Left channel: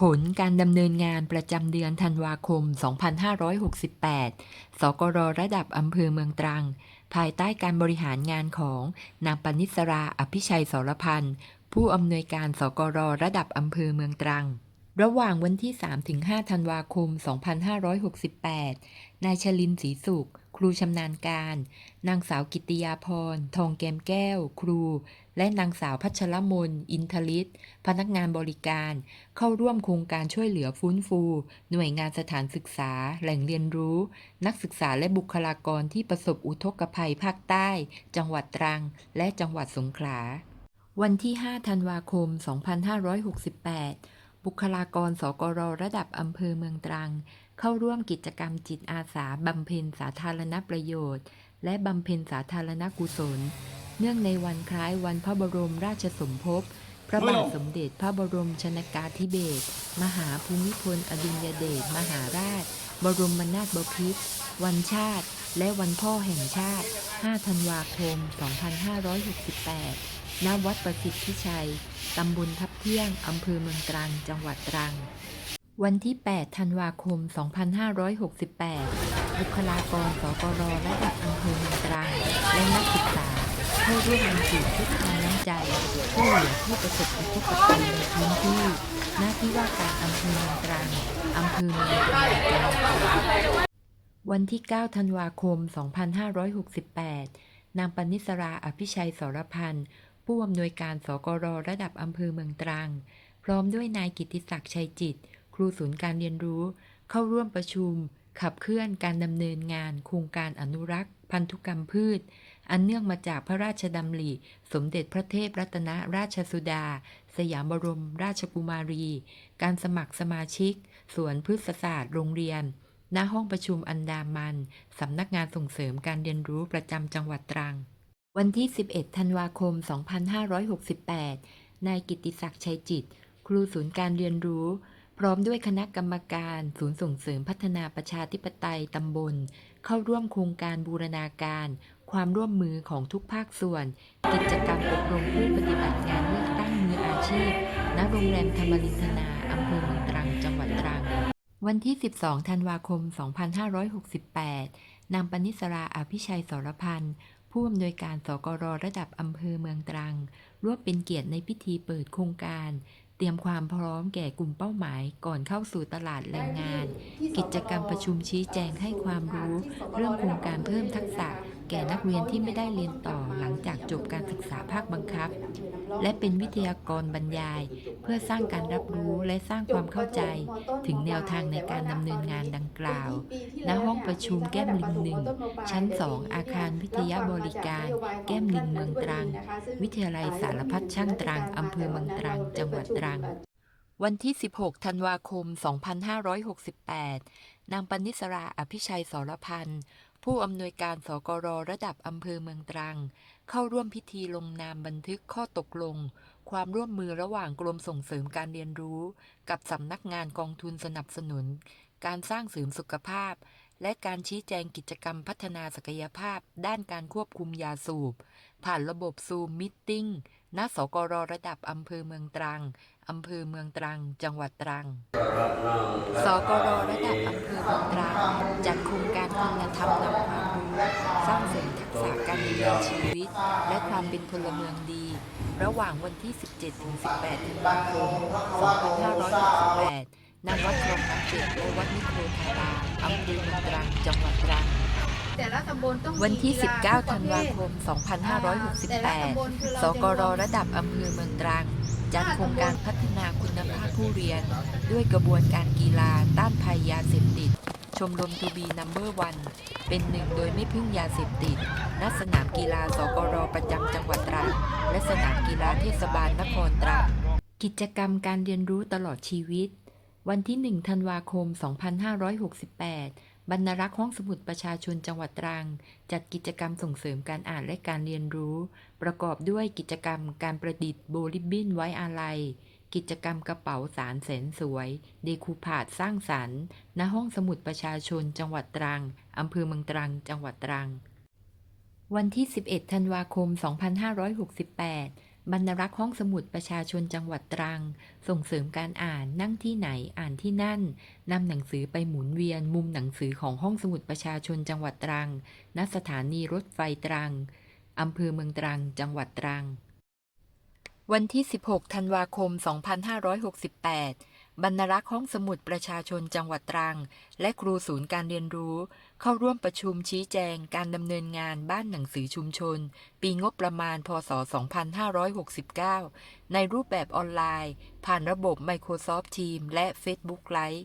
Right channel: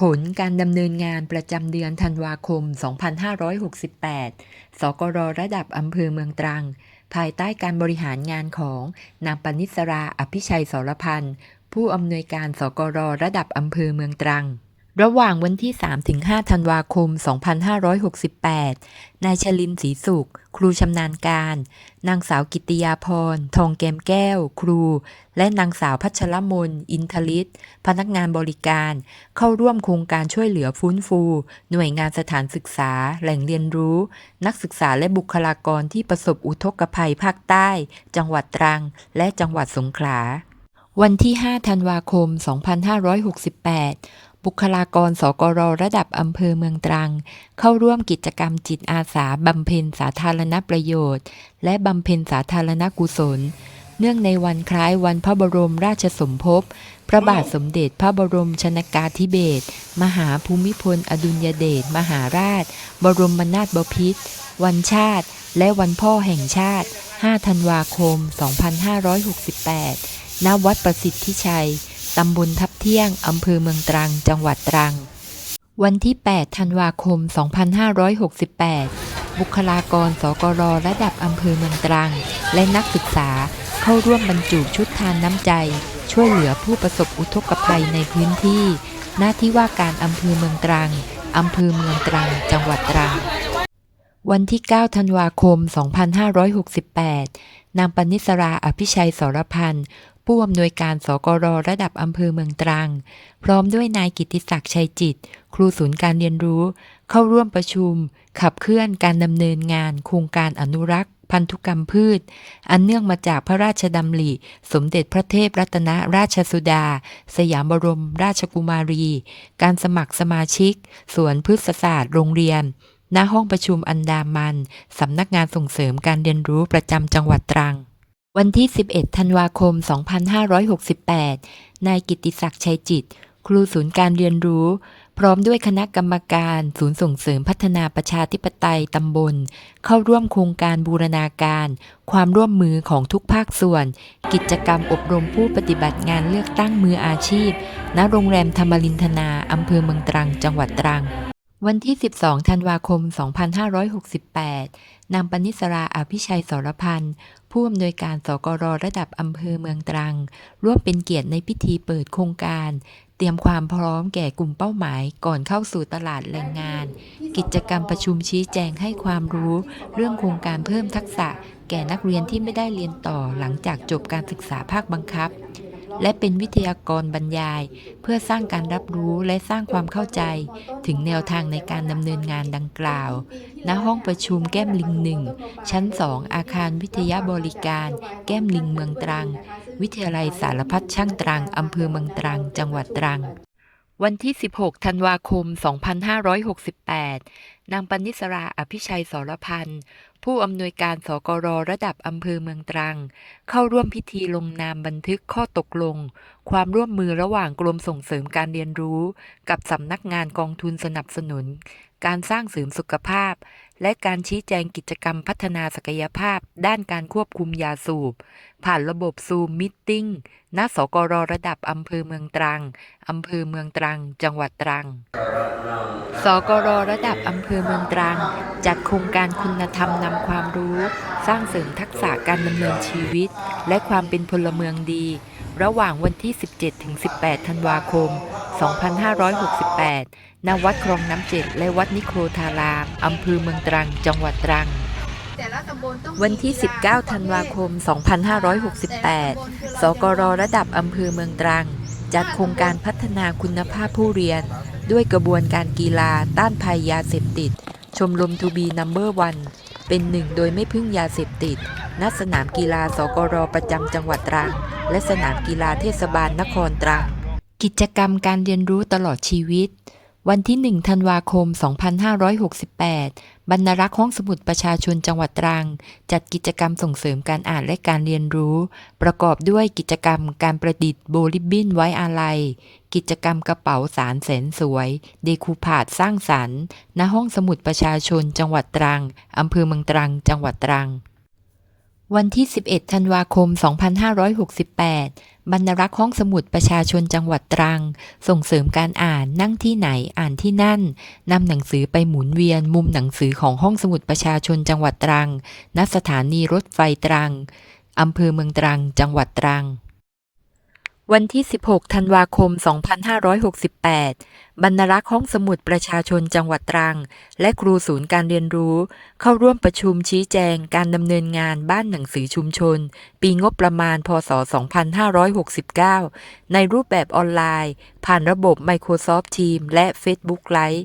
ผลการดำเนินงานประจำเดือนธันวาคม 2568 สกรระดับอำเภอเมืองตรัง ภายใต้การบริหารงานของนางปนิสราอภิชัยสรพันธ์ ผู้อำนวยการสกรระดับอำเภอเมืองตรัง ระหว่างวันที่ 3-5 ธันวาคม 2568 นายชลินศรีสุข ครูชำนาญการ นางสาวกิติยาพร ทองแก้มแก้ว ครู และนางสาวพัชรมน อินทลิศพนักงานบริการ เข้าร่วมโครงการช่วยเหลือฟื้นฟู หน่วยงานสถานศึกษา แหล่งเรียนรู้ นักศึกษาและบุคลากรที่ประสบอุทกภัยภาคใต้ จังหวัดตรัง และจังหวัดสงขลา วันที่ 5 ธันวาคม 2568 บุคลากรสกรระดับอำเภอเมืองตรัง เข้าร่วมกิจกรรมจิตอาสาบำเพ็ญสาธารณประโยชน์ และบำเพ็ญสาธารณกุศล เนื่องในวันคล้ายวันพระบรมราชสมภพ พระบาทสมเด็จพระบรมชนกาธิเบศรมหาภูมิพล อดุลยเดชมหาราช บรมนาถบพิตรวันชาติ และวันพ่อแห่งชาติ 5 ธันวาคม 2568 ณ วัดประสิทธิชัย ตำบลทับเที่ยง อำเภอเมืองตรัง จังหวัดตรัง วันที่ 8 ธันวาคม 2568 บุคลากร สกรระดับอำเภอเมืองตรัง และนักศึกษาเข้าร่วมบรรจุชุดทานน้ำใจ ช่วยเหลือผู้ประสบอุทกภัยในพื้นที่ หน้าที่ว่าการอำเภอเมืองตรัง อำเภอเมืองตรัง จังหวัดตรัง วันที่ 9 ธันวาคม 2568นางปนิสราอภิชัยสรพันธ์ ผู้อำนวยการสกรระดับอำเภอเมืองตรัง พร้อมด้วยนายกิติศักดิ์ชัยจิต ครูศูนย์การเรียนรู้ เข้าร่วมประชุม ขับเคลื่อนการดำเนินงาน โครงการอนุรักษ์พันธุกรรมพืช อันเนื่องมาจากพระราชดำริ สมเด็จพระเทพรัตนราชสุดา สยามบรมราชกุมารี การสมัครสมาชิก สวนพฤกษศาสตร์โรงเรียน ณ ห้องประชุมอันดามัน สำนักงานส่งเสริมการเรียนรู้ประจำจังหวัดตรัง วันที่ 11 ธันวาคม 2568 นายกิติศักดิ์ชัยจิต ครูศูนย์การเรียนรู้ พร้อมด้วยคณะกรรมการศูนย์ส่งเสริมพัฒนาประชาธิปไตยตำบล เข้าร่วมโครงการบูรณาการ ความร่วมมือของทุกภาคส่วน กิจกรรมอบรมผู้ปฏิบัติงานเลือกตั้งมืออาชีพ ณ โรงแรมธรรมรินทนาอำเภอเมืองตรัง จังหวัดตรัง วันที่ 12 ธันวาคม 2568 นางปนิสราอภิชัยสรพันธ์ผู้อำนวยการสกรระดับอำเภอเมืองตรัง ร่วมเป็นเกียรติในพิธีเปิดโครงการ เตรียมความพร้อมแก่กลุ่มเป้าหมายก่อนเข้าสู่ตลาดแรงงาน กิจกรรมประชุมชี้แจงให้ความรู้ เรื่องโครงการเพิ่มทักษะ แก่นักเรียนที่ไม่ได้เรียนต่อหลังจากจบการศึกษาภาคบังคับ และเป็นวิทยากรบรรยาย เพื่อสร้างการรับรู้และสร้างความเข้าใจ ถึงแนวทางในการดำเนินงานดังกล่าว ณ ห้องประชุมแก้มลิงหนึ่ง ชั้น 2 อาคารวิทยาบริการ แก้มลิงเมืองตรัง วิทยาลัยสารพัดช่างตรังอำเภอเมืองตรัง จังหวัดตรัง วันที่ 16 ธันวาคม 2568 นางปนิสราอภิชัยสรพันธ์ ผู้อำนวยการสกรระดับอำเภอเมืองตรัง เข้าร่วมพิธีลงนามบันทึกข้อตกลง ความร่วมมือระหว่างกรมส่งเสริมการเรียนรู้ กับสำนักงานกองทุนสนับสนุน การสร้างเสริมสุขภาพ และการชี้แจงกิจกรรมพัฒนาศักยภาพ ด้านการควบคุมยาสูบ ผ่านระบบซูมมิทติ้งณสกรระดับอำเภอเมืองตรังอำเภอเมืองตรัง จังหวัดตรัง สกรระดับอำเภอเมืองตรัง จัดโครงการคุณธรรมนำความรู้ สร้างเสริมทักษะการดำเนินชีวิต และความเป็นพลเมืองดี ระหว่างวันที่ 17-18 ธันวาคม 2568ณวัดคลองน้ำเจ็ดและวัดนิโครธารามอำเภอเมืองตรัง จังหวัดตรัง วันที่กีฬา19 ธันวาคม 2568 สกรระดับอำเภอเมืองตรัง จัดโครงการพัฒนาคุณภาพผู้เรียน ด้วยกระบวนการกีฬาต้านภัยยาเสพติด ชมรมทูบีนัมเบอร์วัน เป็นหนึ่งโดยไม่พึ่งยาเสพติด ณ สนามกีฬาสกรประจำจังหวัดตรัง และสนามกีฬาเทศบาลนครตรัง กิจกรรมการเรียนรู้ตลอดชีวิต วันที่ 1 ธันวาคม 2568 บรรณารักษ์ห้องสมุดประชาชนจังหวัดตรัง จัดกิจกรรมส่งเสริมการอ่านและการเรียนรู้ ประกอบด้วยกิจกรรมการประดิษฐ์โบลิบบินไว้อาลัย กิจกรรมกระเป๋าสารแสนสวย เดคูพาดสร้างสรรค์ ณ ห้องสมุดประชาชนจังหวัดตรัง อำเภอเมืองตรัง จังหวัดตรัง วันที่ 11 ธันวาคม 2568 บรรณรักษ์ห้องสมุดประชาชนจังหวัดตรัง ส่งเสริมการอ่านนั่งที่ไหนอ่านที่นั่นนำหนังสือไปหมุนเวียนมุมหนังสือของห้องสมุดประชาชนจังหวัดตรัง ณ สถานีรถไฟตรังอำเภอเมืองตรัง จังหวัดตรัง วันที่ 16 ธันวาคม 2568 บรรณรักษ์ห้องสมุดประชาชนจังหวัดตรัง และครูศูนย์การเรียนรู้ เข้าร่วมประชุมชี้แจงการดำเนินงานบ้านหนังสือชุมชน ปีงบประมาณ พศ 2569 ในรูปแบบออนไลน์ ผ่านระบบ Microsoft Teams และ Facebook Live